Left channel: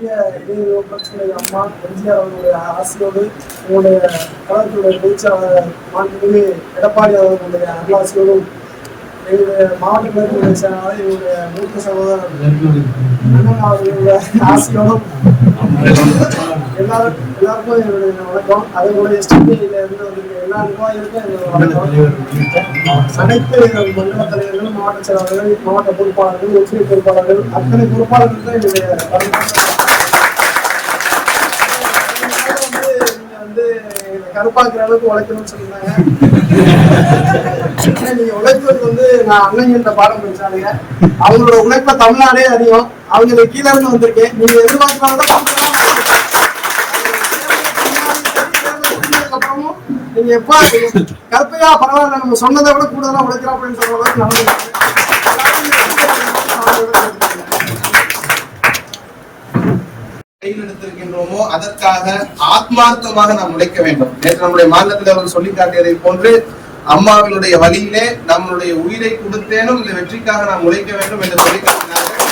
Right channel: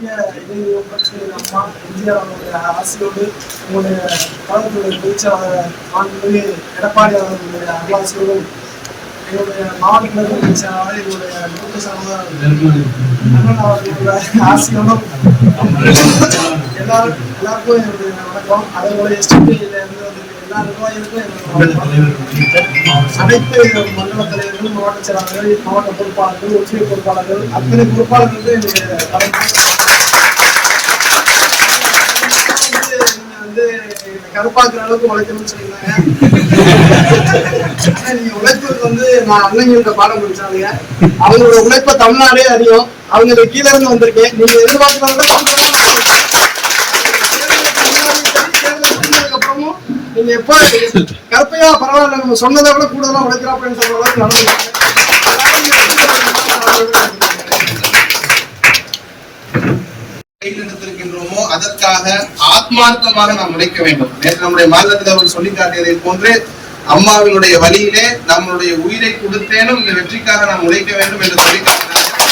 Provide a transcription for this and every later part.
பெரிய இடையூறு அம்மா எம்ஜிஆர் அவர்களுடைய ஆசையோடு உங்களுடைய கழகத்துடைய பேச்சாளர் மாண்புமிகு எடப்பாடி அவர்களுடைய அருளாசியோடும் எங்களுடைய மாவட்ட என்னுடைய மூத்த சகோதரர் அண்ணன் அவர்களுடைய ஆசையோடும் எல்லாரும் எல்லாருக்கும் என்னுடைய வணக்கம். அதே போல இருந்து வந்திருக்கிற எல்லா நிர்வாகிகளுக்கும் என்னுடைய அனைத்து மண்டல தலைவர்களும் மாவட்ட செயலாளர்கள் மாவட்ட பொறுப்பாளர்கள் ஒற்றை பொறுப்பாளர்கள் அத்தனை பொறுப்பாளர்களுக்கும் என்னுடைய வணக்கம் வந்து நீங்க வந்து கருப்பாக்குற அளவுக்கு உழைக்கணும்னு சொல்லியிருந்தாங்க. ஆனா நீங்க உழைப்பது வந்து நான் அண்ணங்கிட்ட பாடம் படிச்சாங்க அவங்களோட உழைப்ப தமிழ்நாடே அறியும். அவங்க கீழே இருந்து வந்திருக்கேன். நீங்க எதிர்பார்க்கறத நீங்க எப்ப கருப்பையா பரவாயில்ல நம்ம சொன்னதை விட கூடுதலா உழைக்கிறோம் அப்படின்னு சொல்ற அளவுக்கு நடந்து கையெழுத்திருக்கின்றோமோ அதற்காக ஆத்மார்த்தமாக நாம் உழைக்க வேண்டும். நேற்று நம்முடைய மாதத்தில் அவர் சொல்லி காட்டியதை போன்று அம்மாவினுடைய வழியிலே நம்மளுடைய உயிரை கொடுத்தேனும் இந்த வெற்றிக்காக நாம் உழைக்க வேண்டும் என்று சொல்லி காட்டினார்கள்.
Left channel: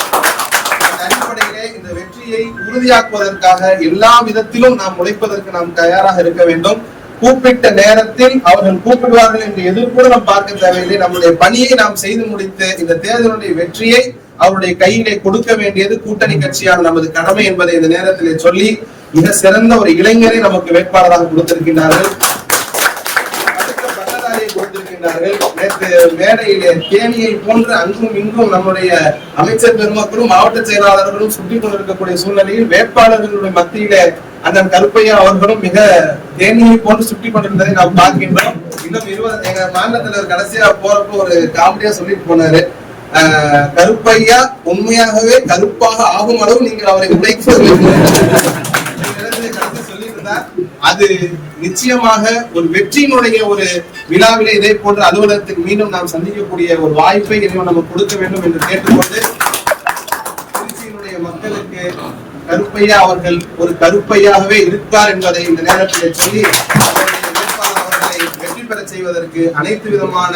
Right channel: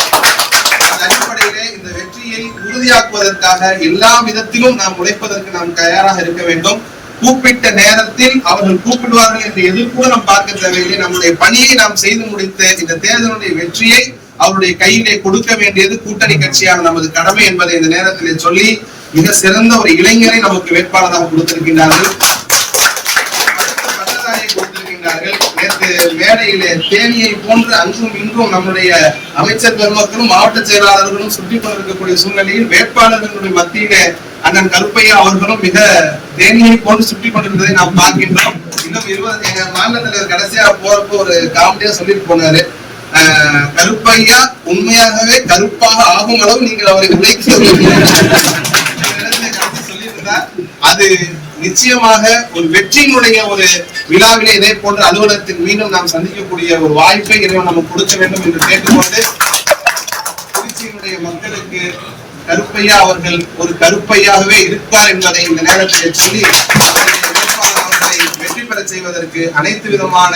அடிப்படையிலே இந்த வெற்றியை உறுதியாக்குவதற்காக எல்லா விதத்திலும் நாம் உழைப்பதற்கு நாம் தயாராக இருக்க வேண்டும். கூப்பிட்ட நேரத்தில் அவர்கள் கூப்பிடுவார்கள் என்று எதிர்ப்பு நாம் பார்க்க தேவையில்லை. நம்முடைய பணியை நாம் செய்து முடித்த இந்த தேர்தலுடைய வெற்றியை அவருடைய கையிலே கொடுக்க வேண்டியது கூட்டணி கட்சியான நமது கடமை என்பதை இந்த நேரத்திலே சொல்லி மிக சிறந்த ஒரு இளைஞரை நமக்கு வேட்பாளராக கொடுத்திருக்கின்றார்கள். கொடுத்திருக்கின்றார்கள். நேற்று மேடையிலே தேனியை போன்று அங்கும் இன்றும் நம்முடைய அமைச்சர் பெருமக்களும் மாவட்ட செயலாளர்களும் சுட்டிக் கொண்டிருக்கக்கூடிய சூழ்நிலையில் வேட்பாளர்களுடைய மத்தியிலே அண்ணன் கருப்பையா அவர்களும் மிக தேனியை போன்று சுட்டி கொண்டிருந்ததை நாம் பார்க்கின்றோம். இன்னும் இருபது எங்க மாநிலத்தில் கடைசியா போறப்போ ஒரு காமெடியா சொல்லிட்டு போனாரு. கருப்பையா உண்மையாகவே கருப்பாக ஆகும் அளவு நீங்கள் அவரை உழைக்க அது நிச்சயமாக ஒரு வெற்றியினுடைய ஒரு விழாவிலே இதே போன்ற அலுவலகத்தில் மீண்டும் நாம் சந்திக்கக்கூடிய ஒரு வாய்ப்பை இறைவன் நம்ம கொடுக்க வேண்டும் என்று கேட்டுக்கொண்டு திருச்சியினுடைய மக்களுக்கு கருப்பையா அவர்கள் ஒரு கருப்பையாகவே இருப்பார் என்பதை இந்த நேரத்தில் சொல்லி அவருடைய அவர்களை வெற்றி பெற செய்வதற்கு அனைத்து விதமான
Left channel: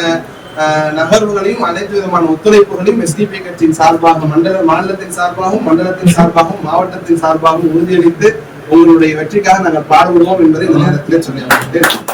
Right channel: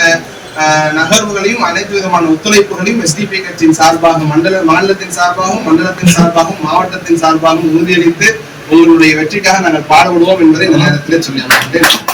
நகர்வுகளையும் அனைத்து விதமான ஒத்துழைப்புகளையும் எஸ்டிபி கட்சியின் சார்பாக மண்டல மாநிலத்தின் சார்பாகவும் மண்டலத்தின் சார்பாகவும் மாவட்டத்தின் சார்பாகவும் உறுதியளித்து உங்களுடைய வெற்றிக்காக நாங்கள் பாடுபடுவோம் என்பதை இந்த நேரத்தில் சொல்லி அமைக்கிறேன்